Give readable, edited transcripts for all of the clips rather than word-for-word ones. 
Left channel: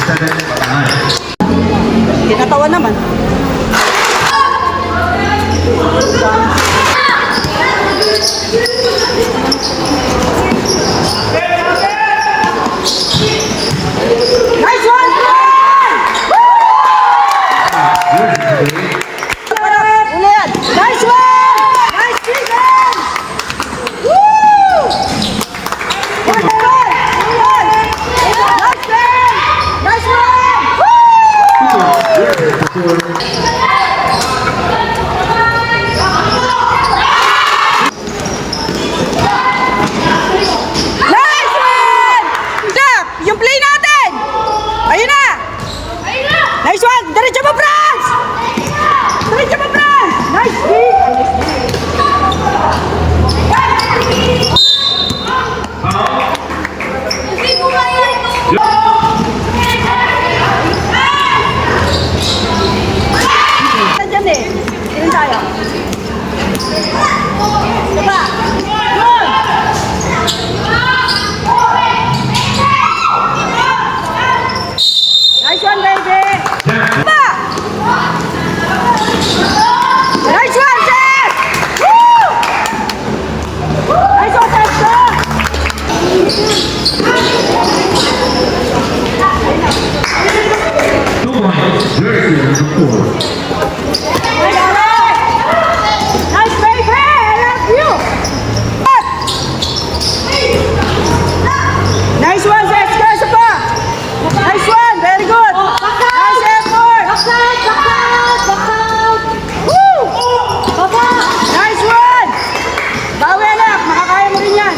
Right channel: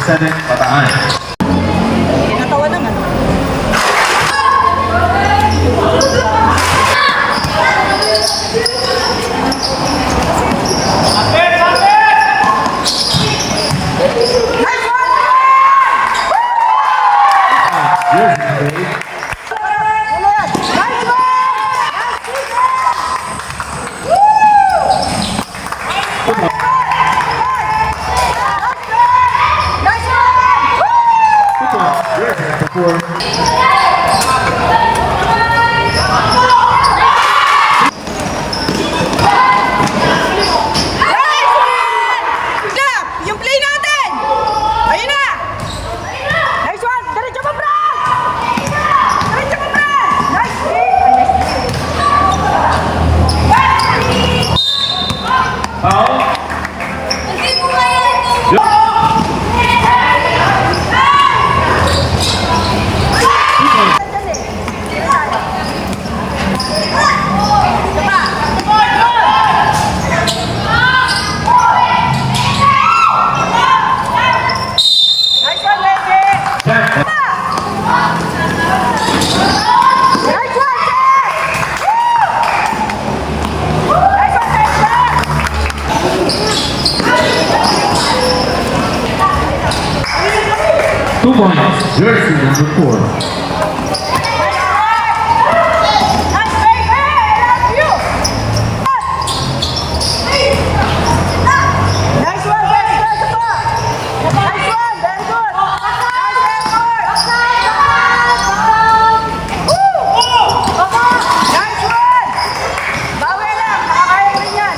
7, Bataan. Tinatawa naman. Nice one! Nice one! Nice defense! Woo! Nice one! Nice one! Ika, yung play natin! Ayun na! Nice one! Diretso mo, Franz! Diretso mo, Franz! Nice play! Nandiyan eh. Ayun tayo. Diba? Nice one, baby! Diba? Nice one, Seth! Woo! Nice one, Seth! 2 points. Jersey number 4. Nice, baby! I love you! Nice one, Seth! Nice one! Nice one! Very good! Nice effort! Woo! Nice one! Bawi anak! Makakaya mo rin yan!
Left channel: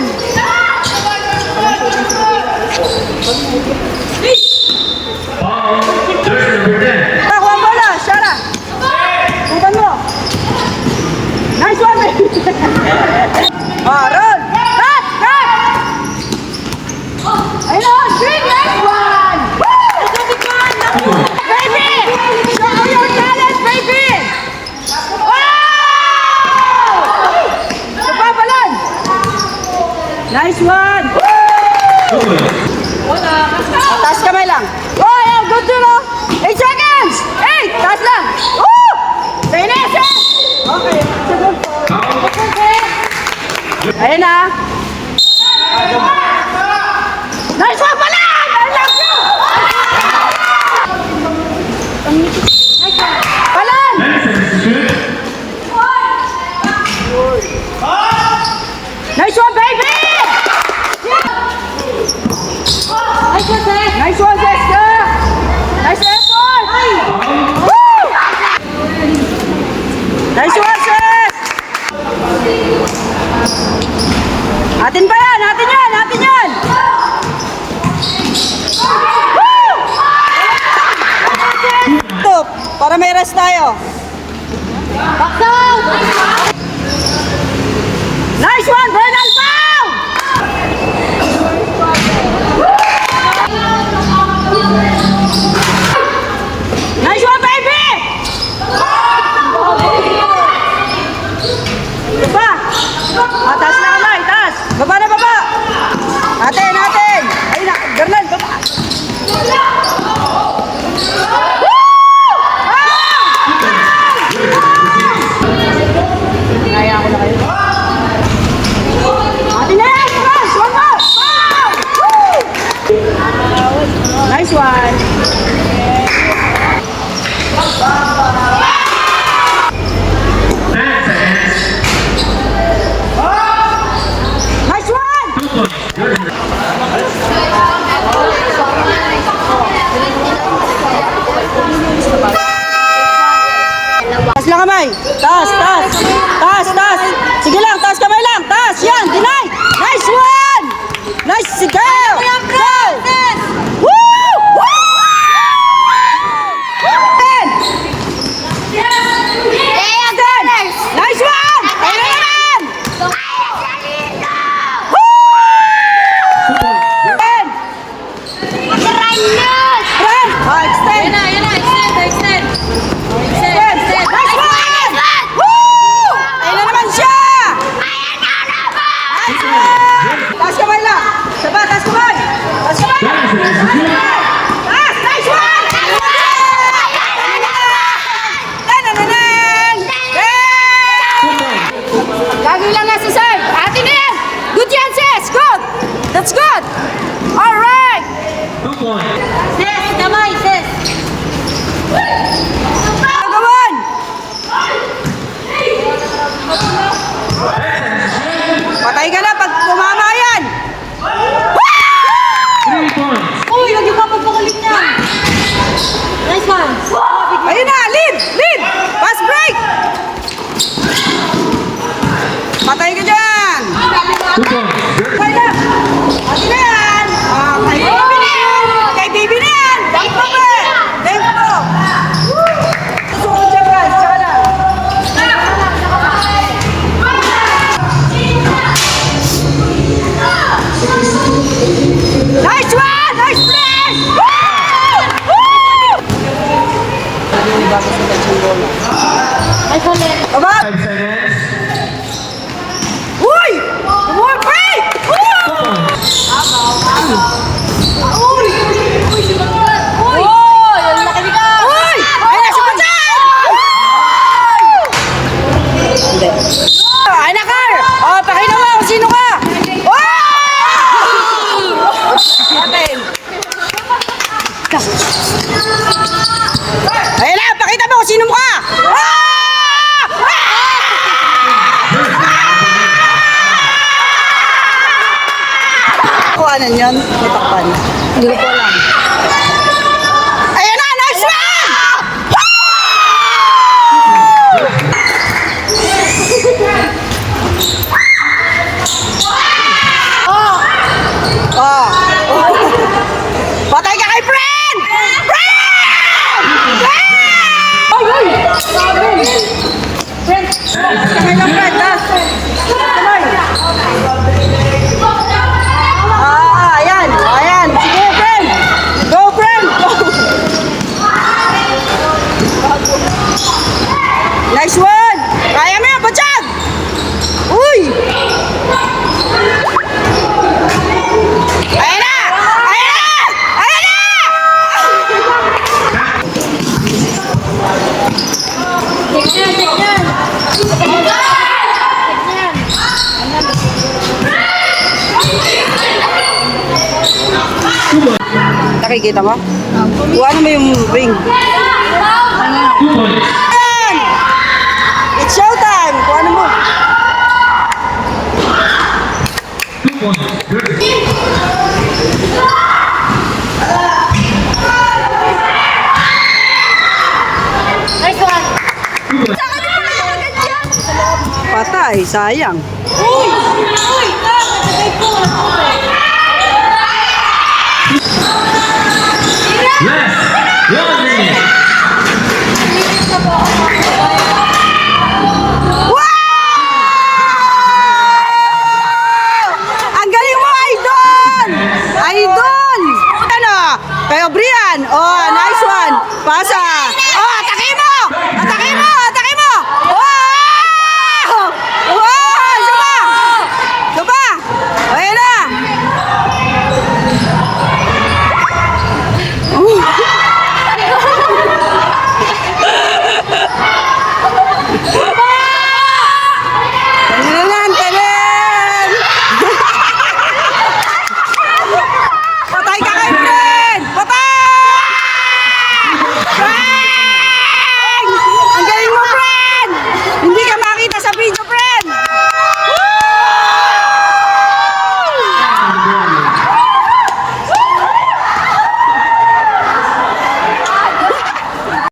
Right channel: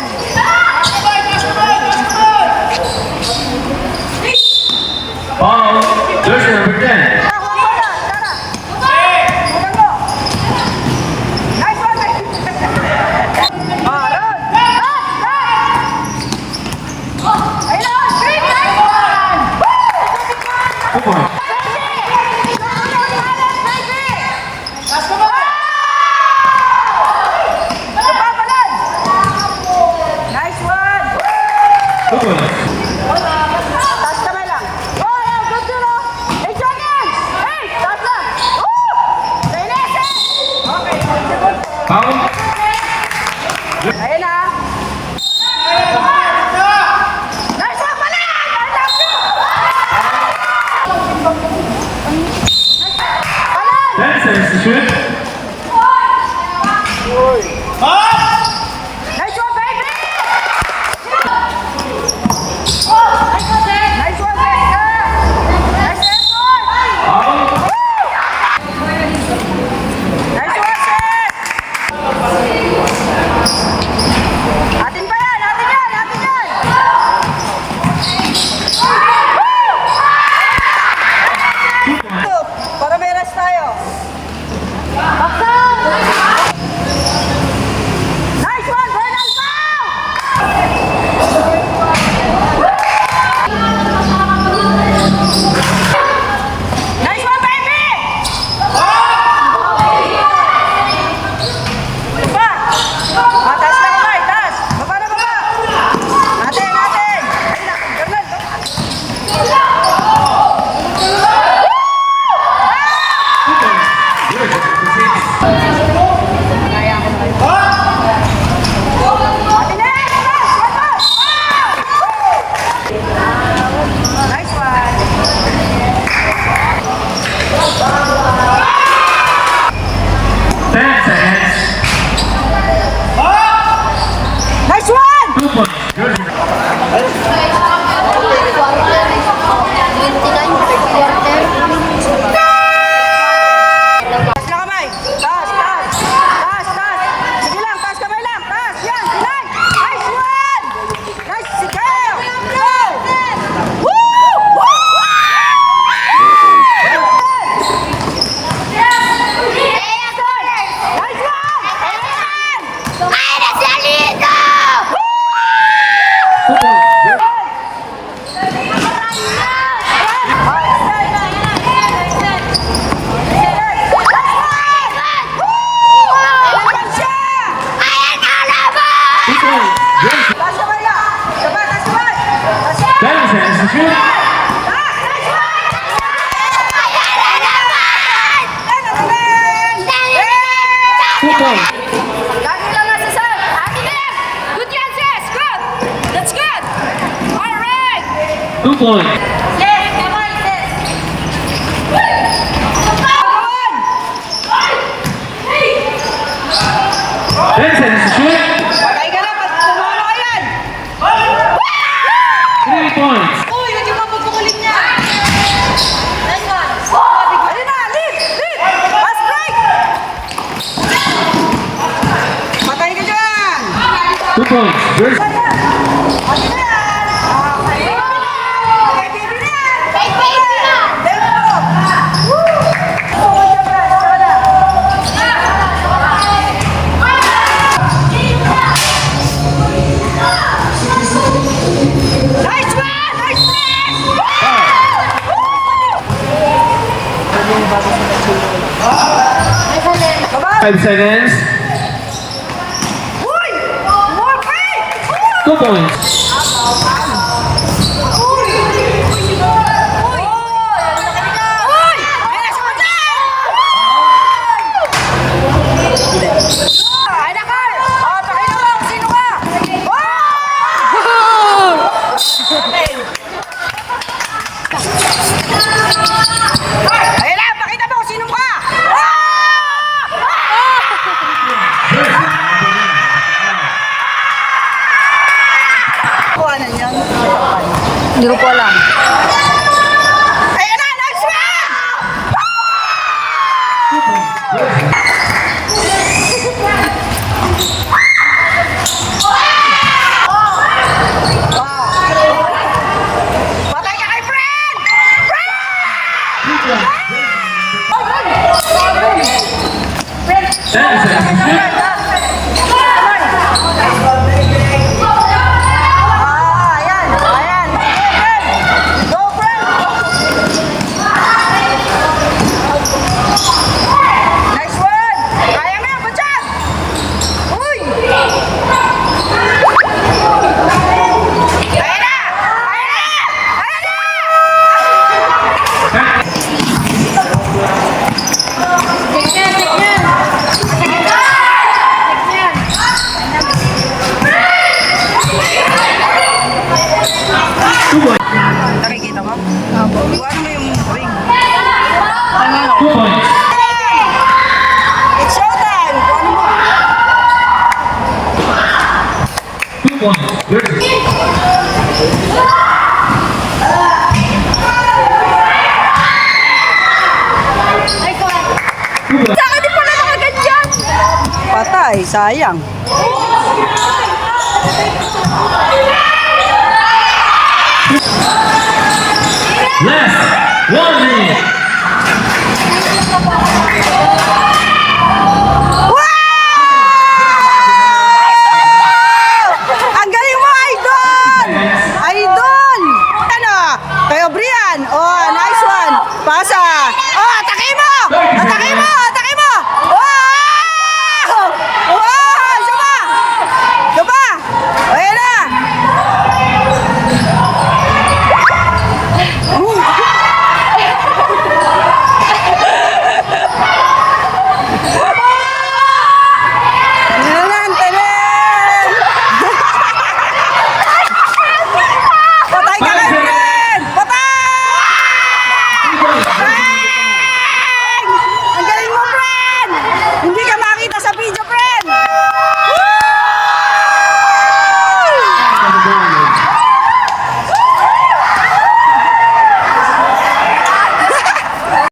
Foul. Jersey number 10. Nakuha mo na! Shara! Tunggan mo! Nice one, baby! Run! Cut! Cut! Ayun! Green! Nice one! Woo! 2 points. Baby! Show your talent, baby! Wow! Napapalan! Nice one! 2 points. Taas kamay lang. Oh, yeah, good to know. 8 seconds! 8! Taas lang! Oh! Finish it! Okay, Foul. ayun na. Nice one pala! I love you! Palan! 10 seconds to shoot. Nice one, baby! Nice one, Jessica! Nice effort! Foul. Woo! Nice one, Seth! Atin pa yan! Atin yan! Atin yan! Woo! Stop! Para may rest tayo. Nice one, Bernal Pau! Nice one, baby! Iba! Taas na kamay, taas! Baba na baba! Atin, atin! Ayun na, Bernal, baba! Woo! Atin na yan! Yes! One more! Woo! Nice one! 10 seconds. Nice one! 2 points. Jersey. Taas lang kamay. Taas, taas. Taas, taas. Sige lang, taas kamay lang. Taas, yan. Deny. Nice one. Nice. Sige. Go. Woo! Woo! Ten. Ten. Nice one. Ayan. Woo! Ten. Ten. Oh, extend. Nice one. points. Sis, kamay, sis. Agawan! 10 seconds to shoot. Patay ka na pag tumama yan! 3 points. Uy, huwag yung papupukulit niya. Nice one. Ayun na! Lead! Lead! Pass break! Patay ka dyan! 2 points. Patay na! Patay na yan! Ah, kay Bibi na yan! Kay Bibi na yan! Kay Bibi na! Let's go! Woo! Saban, saban. Nice one! Nice play! Nice one, Len. Come on! 5 seconds. Uy! More break! 2 points. Uy! Uy! Uy! Ay, nasa pa dyan! Hindi. Ay, na, Car! Oh, pakita mo kung sino ka! Wow! Okay. Ayun na, pakita mo kung sino ka! Kuhanan yan? Hindi ko po alam. Ayun na, nice one! Oh. Patay ka kay friend! Friend! 10 seconds to shoot. Ah, ayan, ayan. Sige, friend. Go, friend. Nice one. Kaya mo yan, Bachag. Uy. Ayan na. Ayan na. Ayan na. Check yan, check yan. Nakikita mo? Opo. Kuha mo yung ring. 2 points. It's showtime. Kuha mo. 2 points. Nice one. Saka di pala mga ganyan. Patay, sayang. Last